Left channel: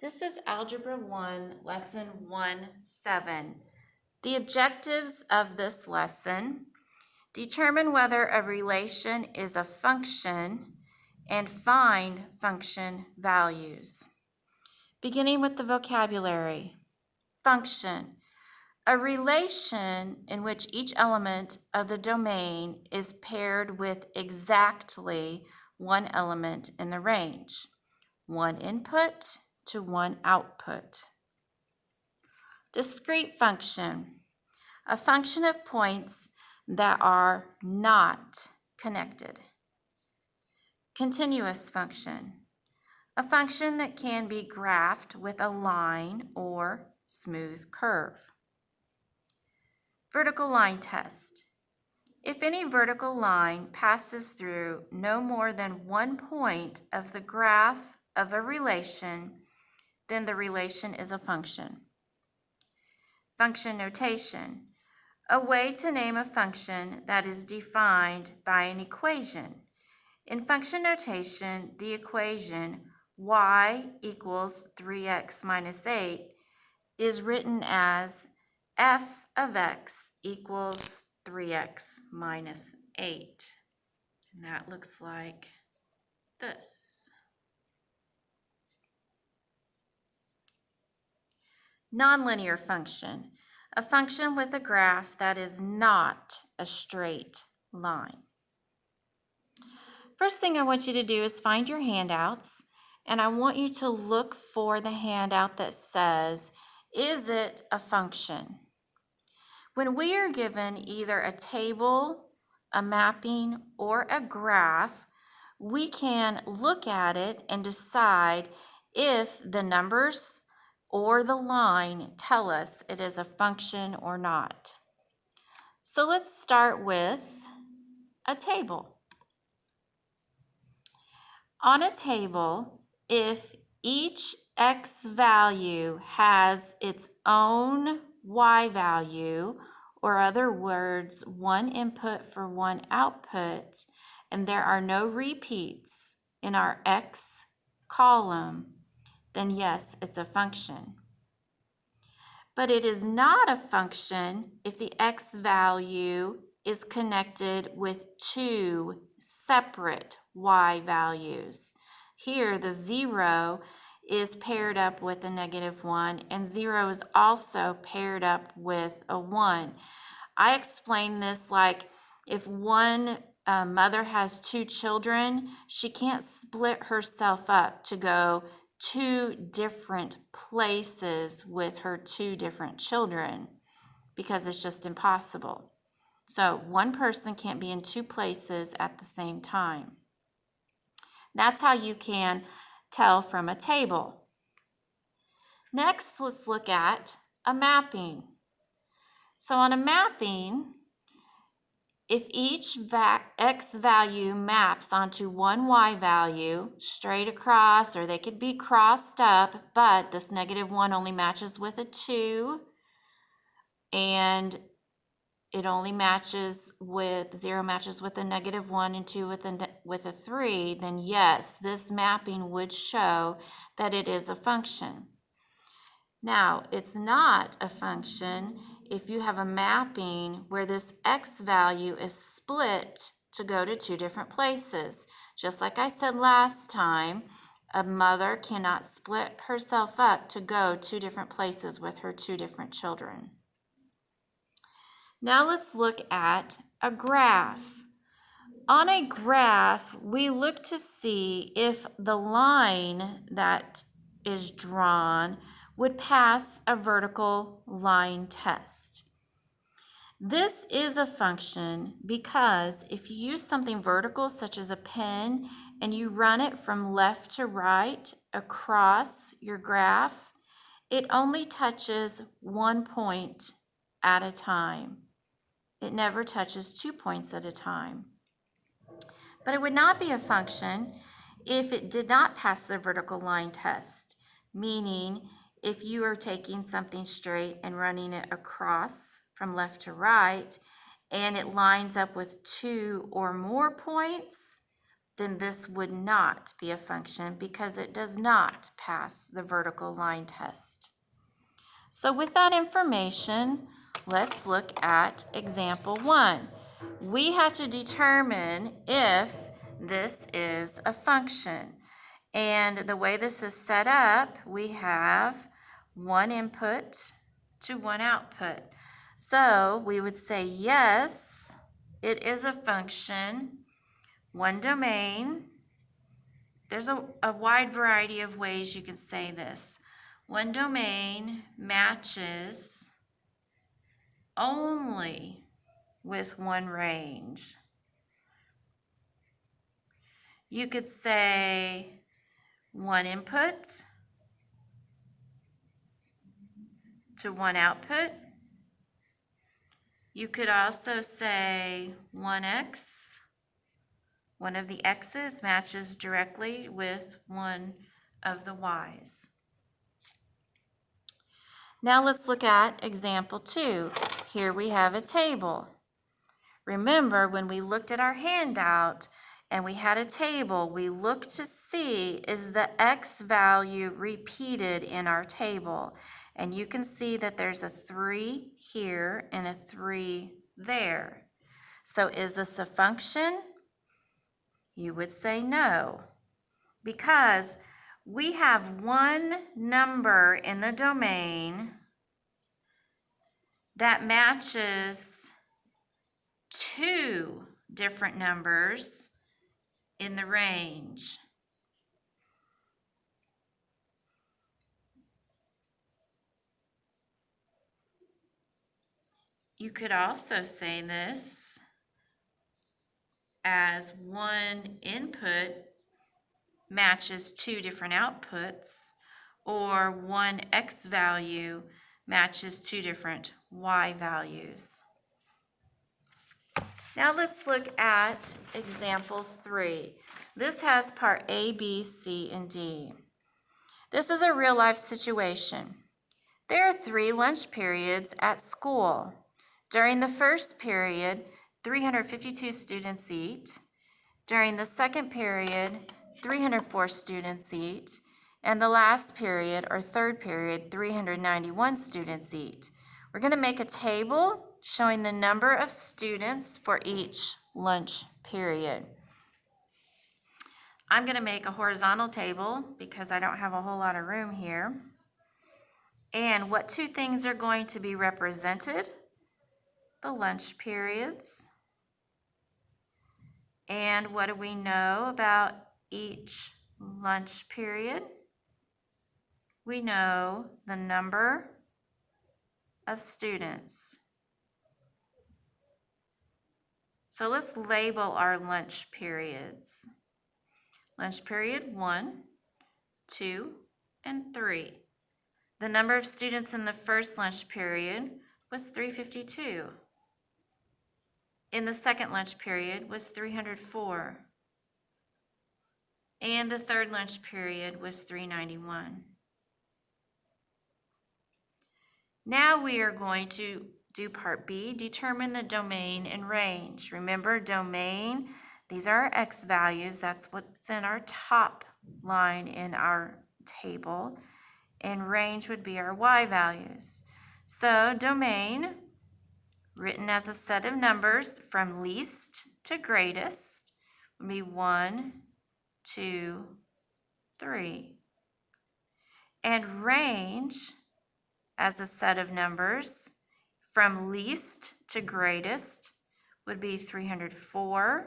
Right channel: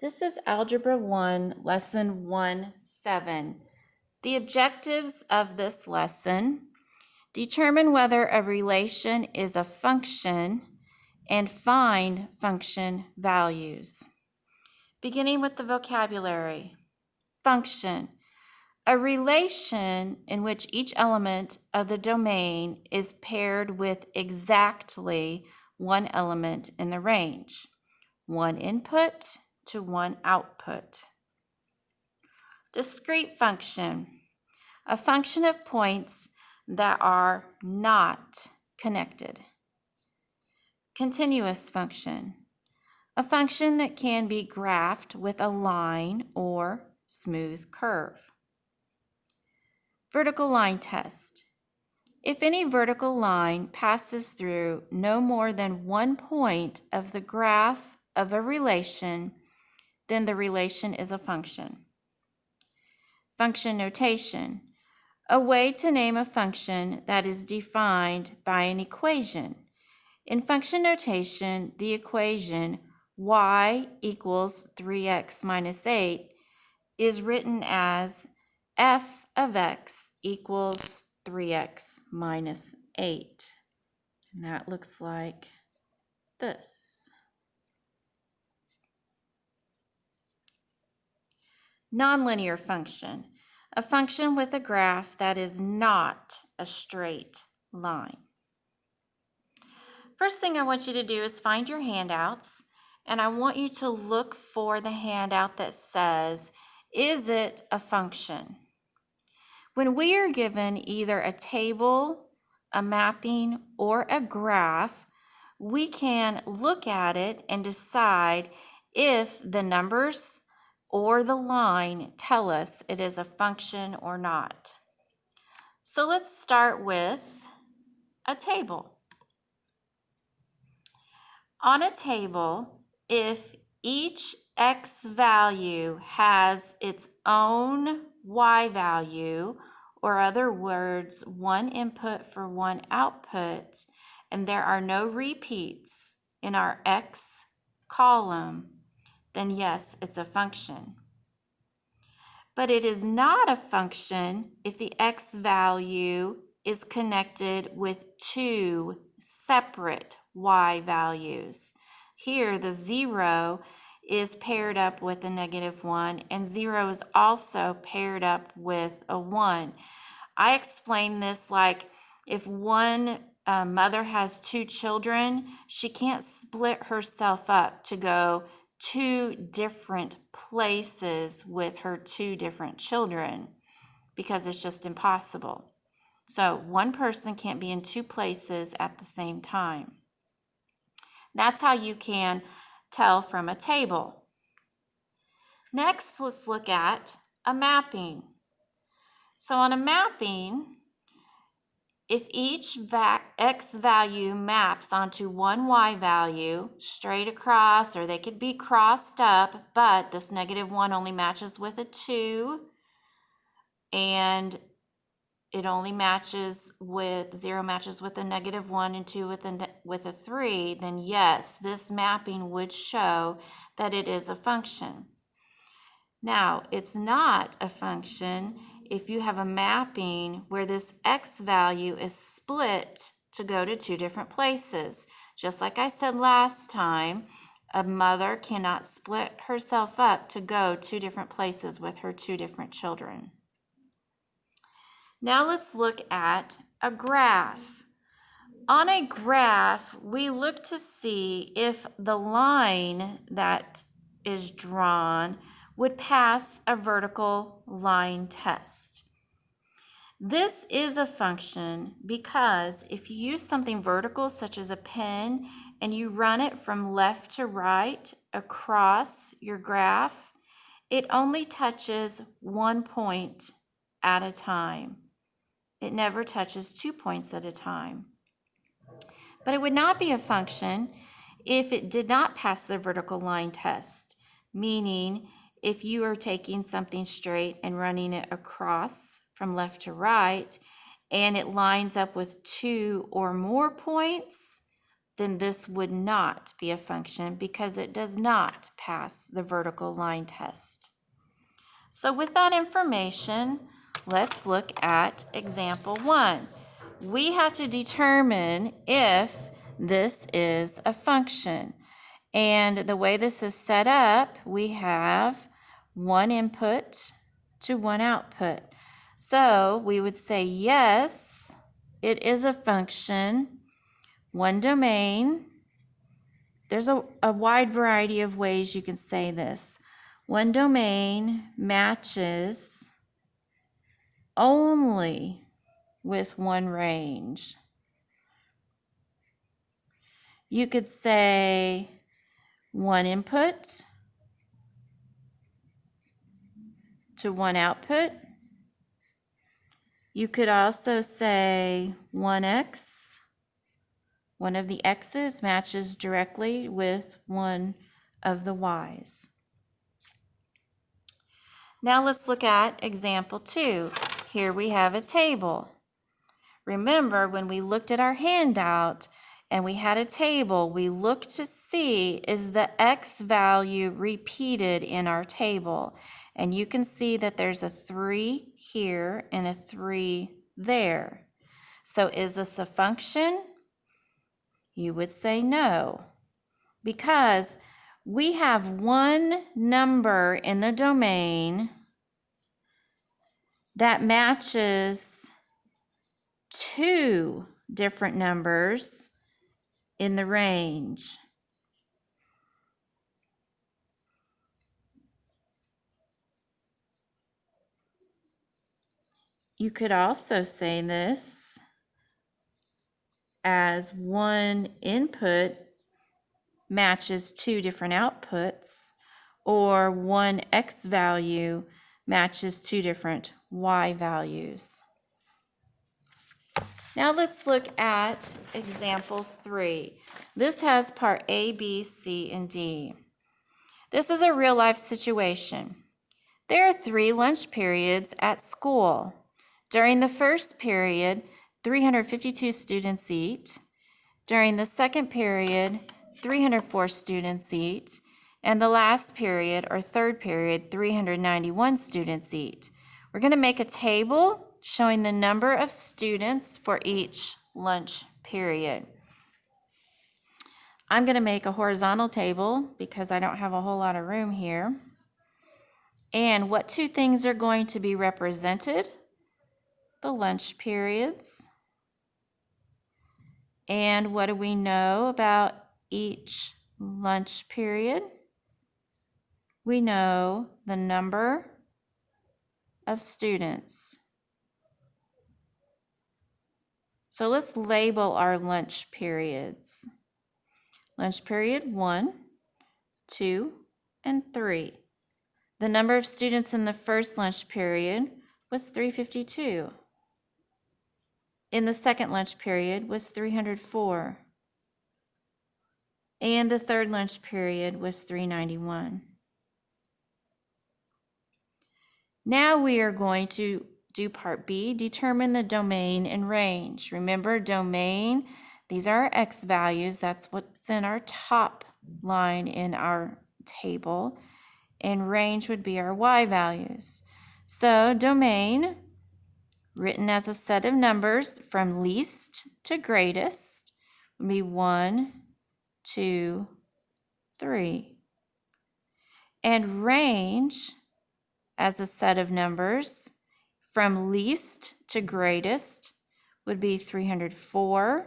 This is Algebra 1, Lesson 1-7. The objectives of this lesson: determine whether a relation is a function and find function values. Beginning with the vocabulary. Function. A relation in which each element of the domain is paired with exactly one element in the range, one input to one output. Discrete function, a function of points that are not connected. Continuous function, a function that can be graphed with a line or smooth curve. Vertical line test. If any vertical line passes through no more than one point of the graph of a relation, then the relation is a function. Function notation, a way to name a function that is defined by an equation. In function notation, the equation y equals 3x minus 8 is written as f of x equals 3x minus 8. And that looks like this. Nonlinear function, a function with a graph that is not a straight line. First thing I want you to do is find your handouts, and I want you to look for the handout that says, is it a function? When we are given either a table, a mapping, or a graph, we can look at it and decide if the numbers or the line tell us it is a function or not. So let's start with a table. On a table, if each x value has its own y value, or other words, one input for one output, and there are no repeats in our x column, then yes, it's a function. But it is not a function if the x value is connected with two separate y values. Here, the 0 is paired up with a -1, and 0 is also paired up with a 1. I explain this like if one mother has two children, she can't split herself up to go two different places with her two different children because it's just impossible. So one person can't be in two places at the same time. That's how you can tell from a table. Next, let's look at a mapping. So on a mapping, if each x value maps onto one y value straight across, or they could be crossed up, but this -1 only matches with a 2, and it only matches with 0 matches with a -1 and 2 with a 3, then yes, this mapping would show that it is a function. Now, it's not a function if you have a mapping where this x value is split to go to two different places. Just like I said last time, a mother cannot split herself up to go two different places with her two different children. Now let's look at a graph. On a graph, we look to see if the line that is drawn would pass a vertical line test. This is a function because if you use something vertical such as a pen and you run it from left to right across your graph, it only touches one point at a time. It never touches 2 points at a time. But it would not be a function if it did not pass the vertical line test, meaning if you are taking something straight and running it across from left to right, and it lines up with 2 or more points, then this would not be a function because it does not pass the vertical line test. So with that information, let's look at example 1. We have to determine if this is a function. And the way this is set up, we have one input to one output. So we would say, yes, it is a function, one domain. There's a wide variety of ways you can say this. One domain matches only with one range. You could say one input to one output. You could also say 1x, one of the x's matches directly with one of the y's. Now let's look at example 2. Here we have a table. Remember, when we looked at our handout and we had a table, we looked to see, is the x value repeated in our table? And you can see that there's a 3 here and a 3 there. So is this a function? You would say no, because we have one number in the domain that matches two different numbers in the range. You could also say this as one input matches two different outputs, or one x value matches two different y values. Now let's look at example 3. This has part A, B, C, and D. This is a real-life situation. There are 3 lunch periods at school. During the first period, 352 students eat. During the second period, 304 students eat. And the last period, or third period, 391 students eat. We're going to make a table showing the number of students for each lunch period. I'm going to make a horizontal table because I don't have a whole lot of room here. And what 2 things are going to be represented? The lunch periods. And what do we know about each lunch period? We know the number of students. So let's label our lunch periods. Lunch period 1, 2, and 3. The number of students in the first lunch period was 352. In the second lunch period was 304. And the third lunch period was 391. Now we are going to do part B, determine the domain and range. Remember, domain, these are our x values. That's what's in our top line in our table. And range would be our y values. So domain, written as a set of numbers from least to greatest, would be 1, 2, 3. And range, as a set of numbers from least to greatest, would be 304,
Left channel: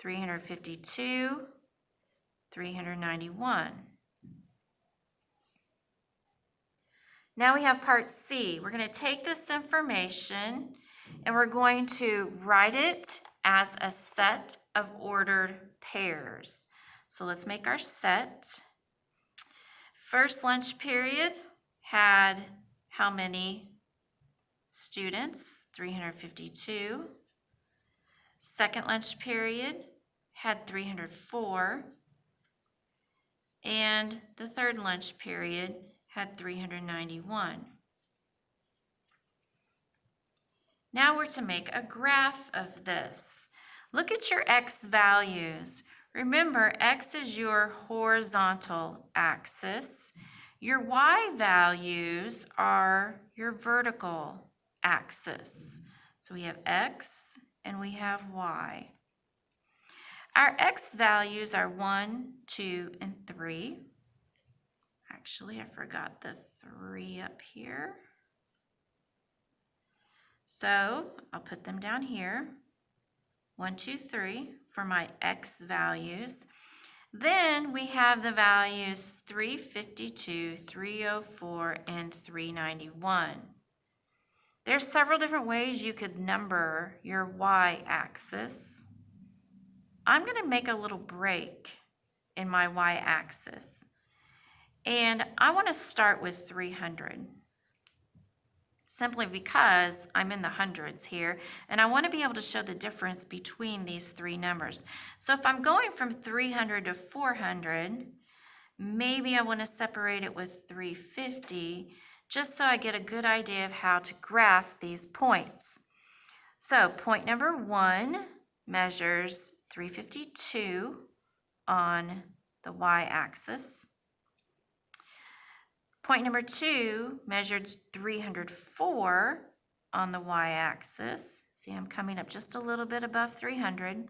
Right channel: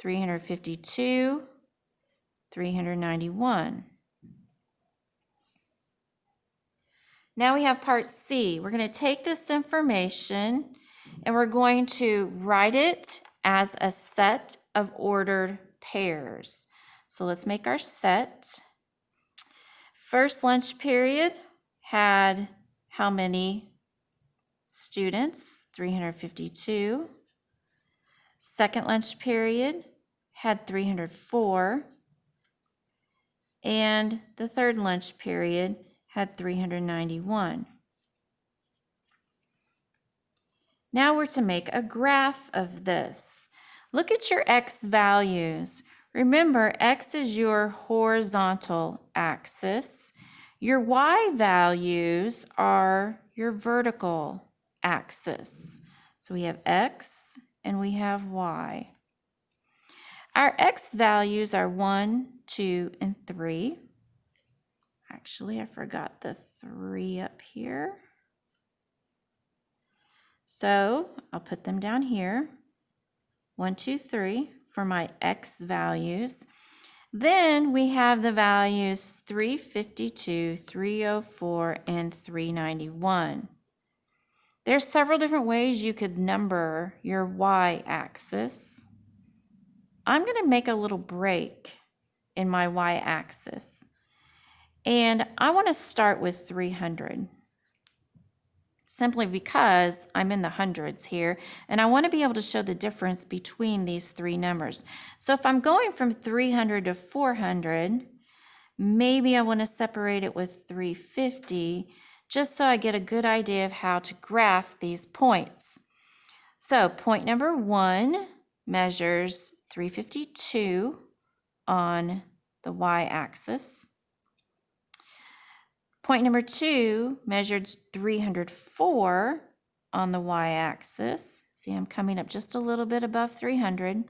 352, 391. Now we have part C. We're going to take this information and we're going to write it as a set of ordered pairs. So let's make our set. First lunch period had how many students? 352. Second lunch period had 304. And the third lunch period had 391. Now we're to make a graph of this. Look at your x values. Remember, x is your horizontal axis. Your y values are your vertical axis. So we have x and we have y. Our x values are 1, 2, and 3. Actually, I forgot the 3 up here. So I'll put them down here. 1, 2, 3 for my x values. Then we have the values 352, 304, and 391. There's several different ways you could number your y-axis. I'm going to make a little break in my y-axis. And I want to start with 300. Simply because I'm in the hundreds here, and I want to be able to show the difference between these three numbers. So if I'm going from 300 to 400, maybe I want to separate it with 350, just so I get a good idea of how to graph these points. So point number 1 measures 352 on the y-axis. Point number 2 measured 304 on the y-axis. See, I'm coming up just a little bit above 300.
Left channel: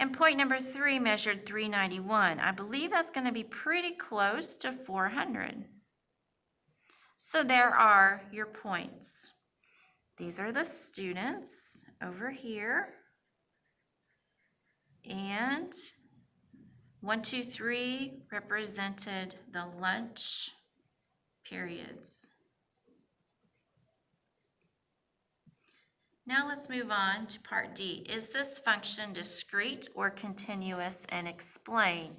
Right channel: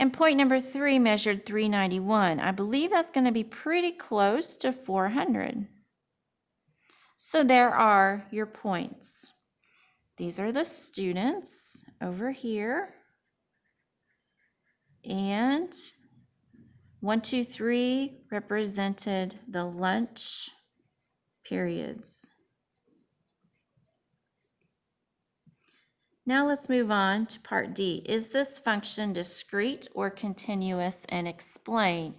And point number 3 measured 391. I believe that's going to be pretty close to 400. So there are your points. These are the students over here. And 1, 2, 3 represented the lunch periods. Now let's move on to part D. Is this function discrete or continuous, and explain?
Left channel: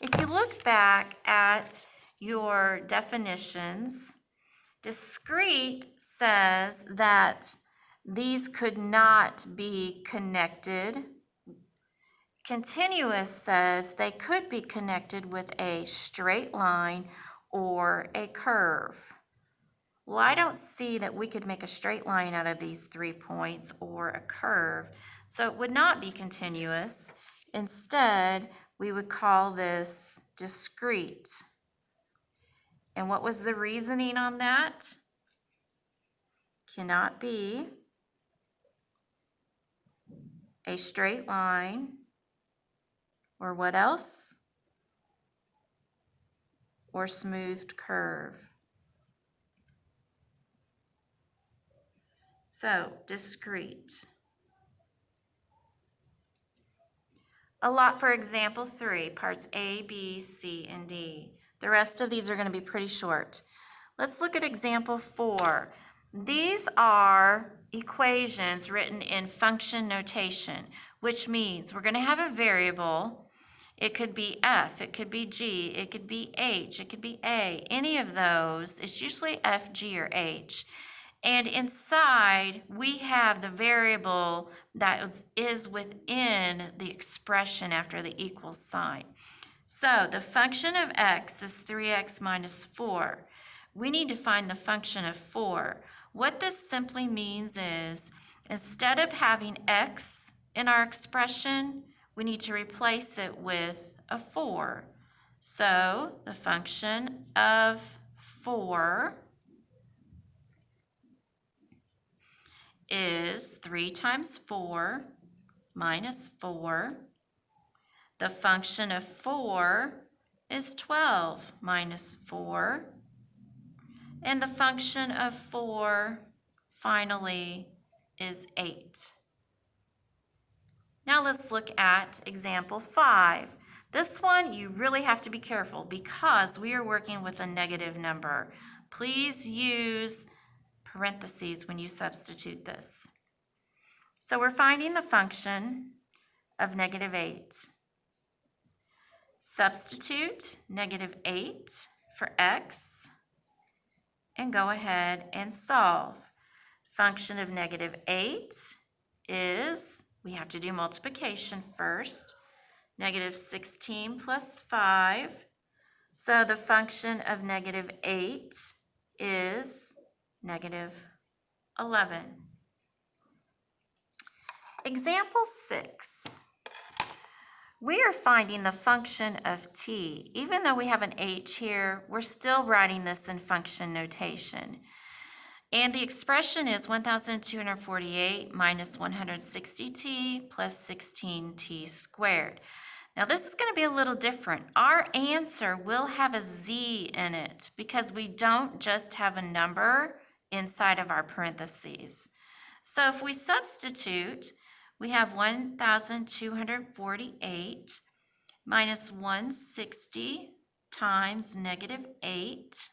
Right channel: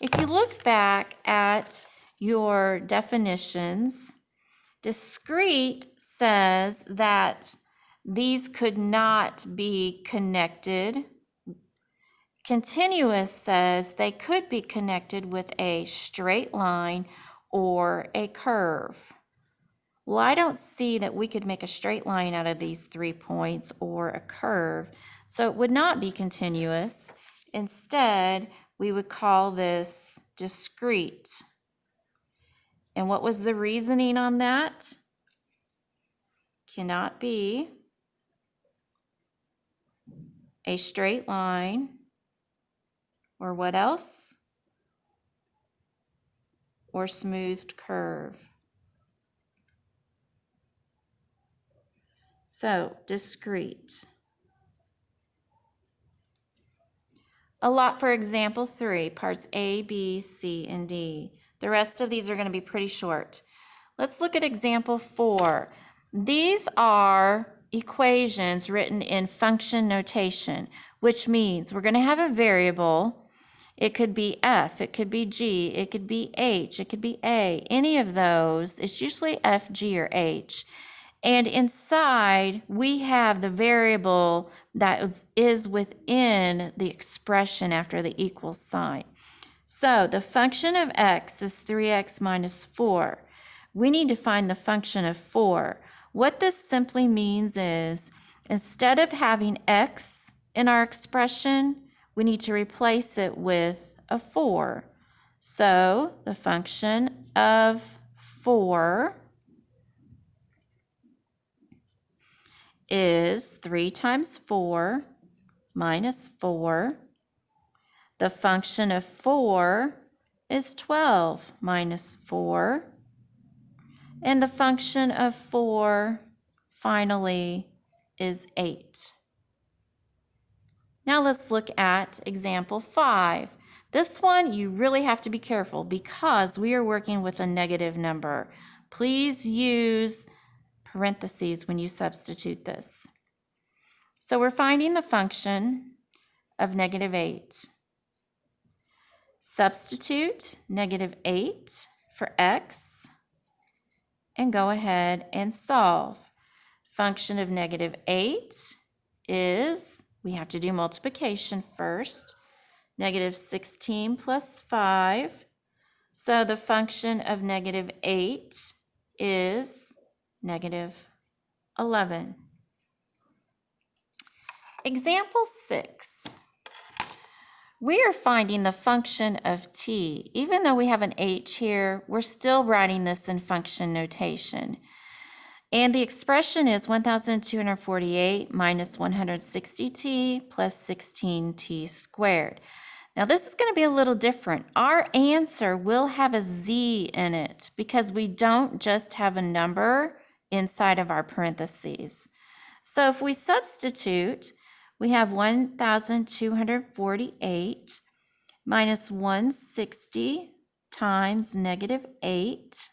If you look back at your definitions, discrete says that these could not be connected. Continuous says they could be connected with a straight line or a curve. Well, I don't see that we could make a straight line out of these 3 points or a curve, so it would not be continuous. Instead, we would call this discrete. And what was the reasoning on that? Cannot be a straight line, or what else? Or smoothed curve. So, discrete. A lot for example 3, parts A, B, C, and D. The rest of these are going to be pretty short. Let's look at example 4. These are equations written in function notation, which means we're going to have a variable. It could be f, it could be g, it could be h, it could be a. Any of those, it's usually f, g, or h. And inside, we have the variable that is within the expression after the equal sign. So the function of x is 3x minus 4. We need to find the function of 4. What this simply means is, instead of having x in our expression, we need to replace it with a 4. So the function of 4 is 3 times 4 minus 4. The function of 4 is 12 minus 4. And the function of 4, finally, is 8. Now let's look at example 5. This one you really have to be careful because we are working with a negative number. Please use parentheses when you substitute this. So we're finding the function of negative 8. Substitute negative 8 for x and go ahead and solve. Function of negative 8 is, we have to do multiplication first, negative 16 plus 5. So the function of negative 8 is negative 11. Example 6. We are finding the function of t. Even though we have an h here, we're still writing this in function notation. And the expression is 1,248 minus 160t plus 16t squared. Now this is going to be a little different. Our answer will have a z in it because we don't just have a number inside of our parentheses. So if we substitute, we have 1,248 minus 160 times negative 8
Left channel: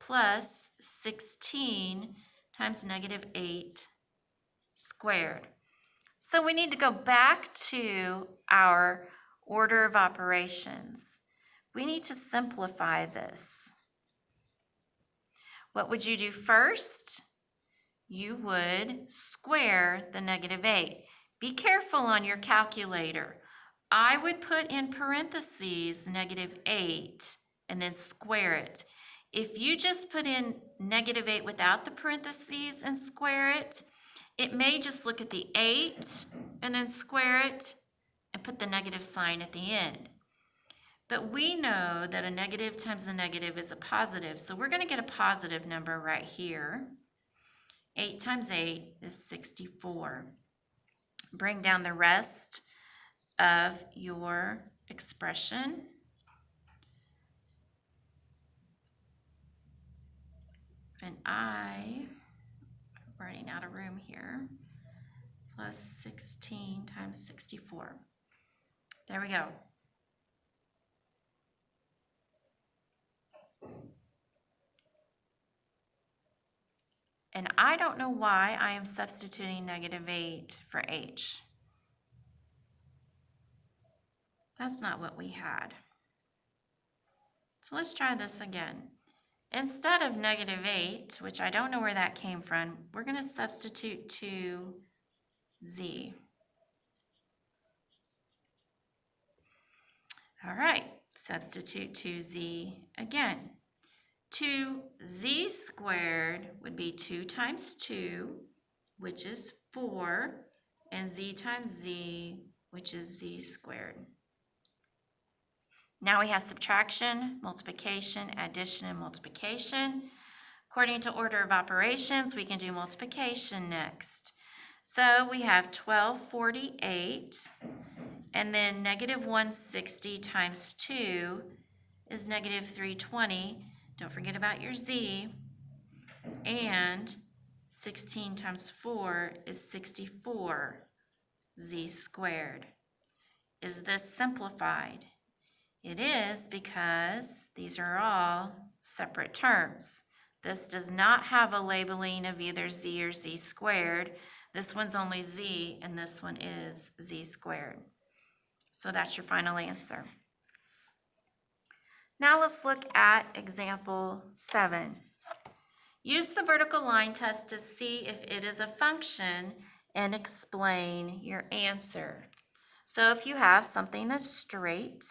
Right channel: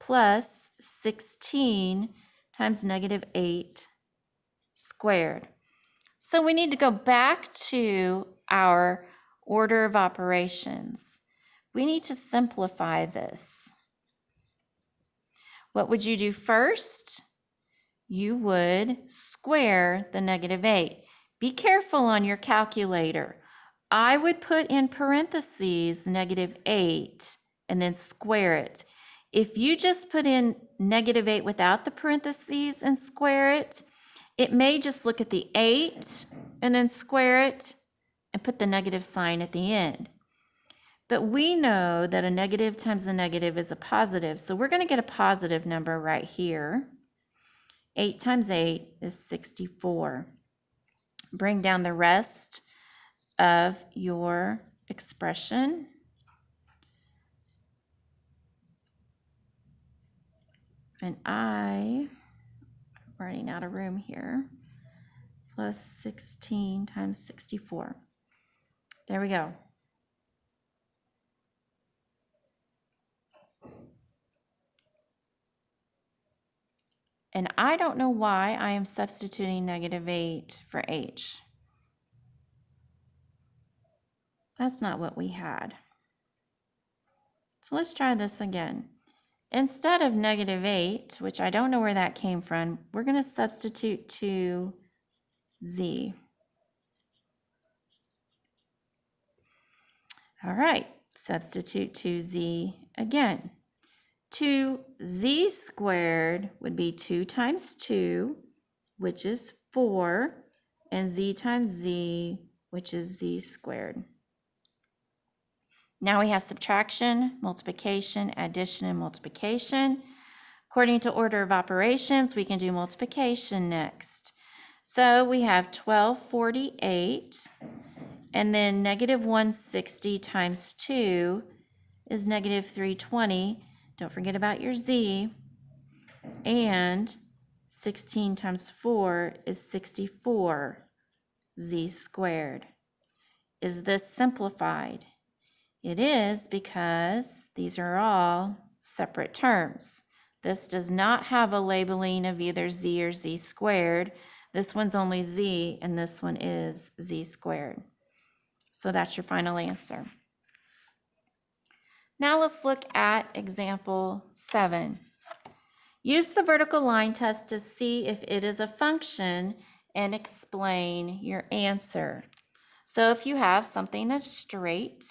plus 16 times negative 8 squared. So we need to go back to our order of operations. We need to simplify this. What would you do first? You would square the negative 8. Be careful on your calculator. I would put in parentheses negative 8 and then square it. If you just put in negative 8 without the parentheses and square it, it may just look at the 8 and then square it and put the negative sign at the end. But we know that a negative times a negative is a positive, so we're going to get a positive number right here. 8 times 8 is 64. Bring down the rest of your expression. And I'm running out of room here. Plus 16 times 64. There we go. And I don't know why I am substituting negative 8 for h. That's not what we had. So let's try this again. Instead of negative 8, which I don't know where that came from, we're going to substitute 2z. All right, substitute 2z again. 2z squared would be 2 times 2, which is 4, and z times z, which is z squared. Now we have subtraction, multiplication, addition, and multiplication. According to order of operations, we can do multiplication next. So we have 1248, and then negative 160 times 2 is negative 320. Don't forget about your z. And 16 times 4 is 64, z squared. Is this simplified? It is, because these are all separate terms. This does not have a labeling of either z or z squared. This one's only z, and this one is z squared. So that's your final answer. Now let's look at example 7. Use the vertical line test to see if it is a function and explain your answer. So if you have something that's straight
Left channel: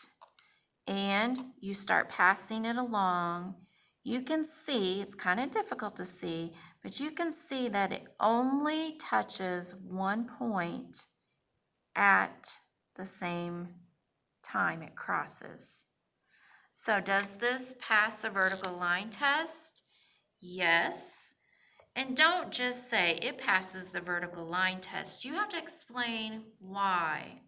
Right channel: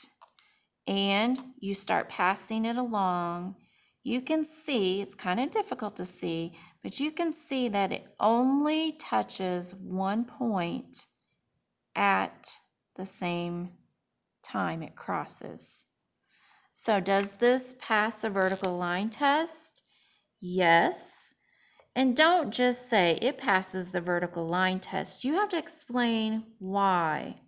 and you start passing it along, you can see, it's kind of difficult to see, but you can see that it only touches one point at the same time it crosses. So does this pass a vertical line test? Yes. And don't just say it passes the vertical line test. You have to explain why.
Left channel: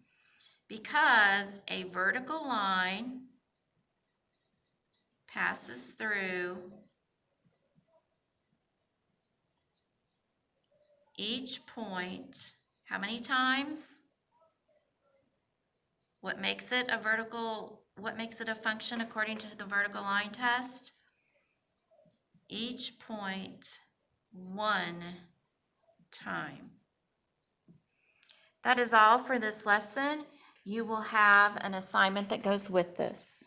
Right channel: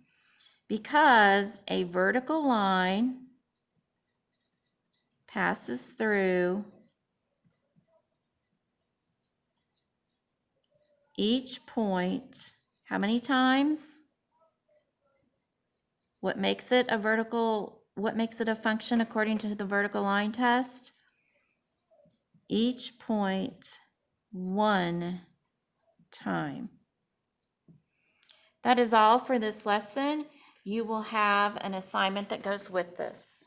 Because a vertical line passes through each point. How many times? What makes it a function according to the vertical line test? Each point one time. That is all for this lesson. You will have an assignment that goes with this.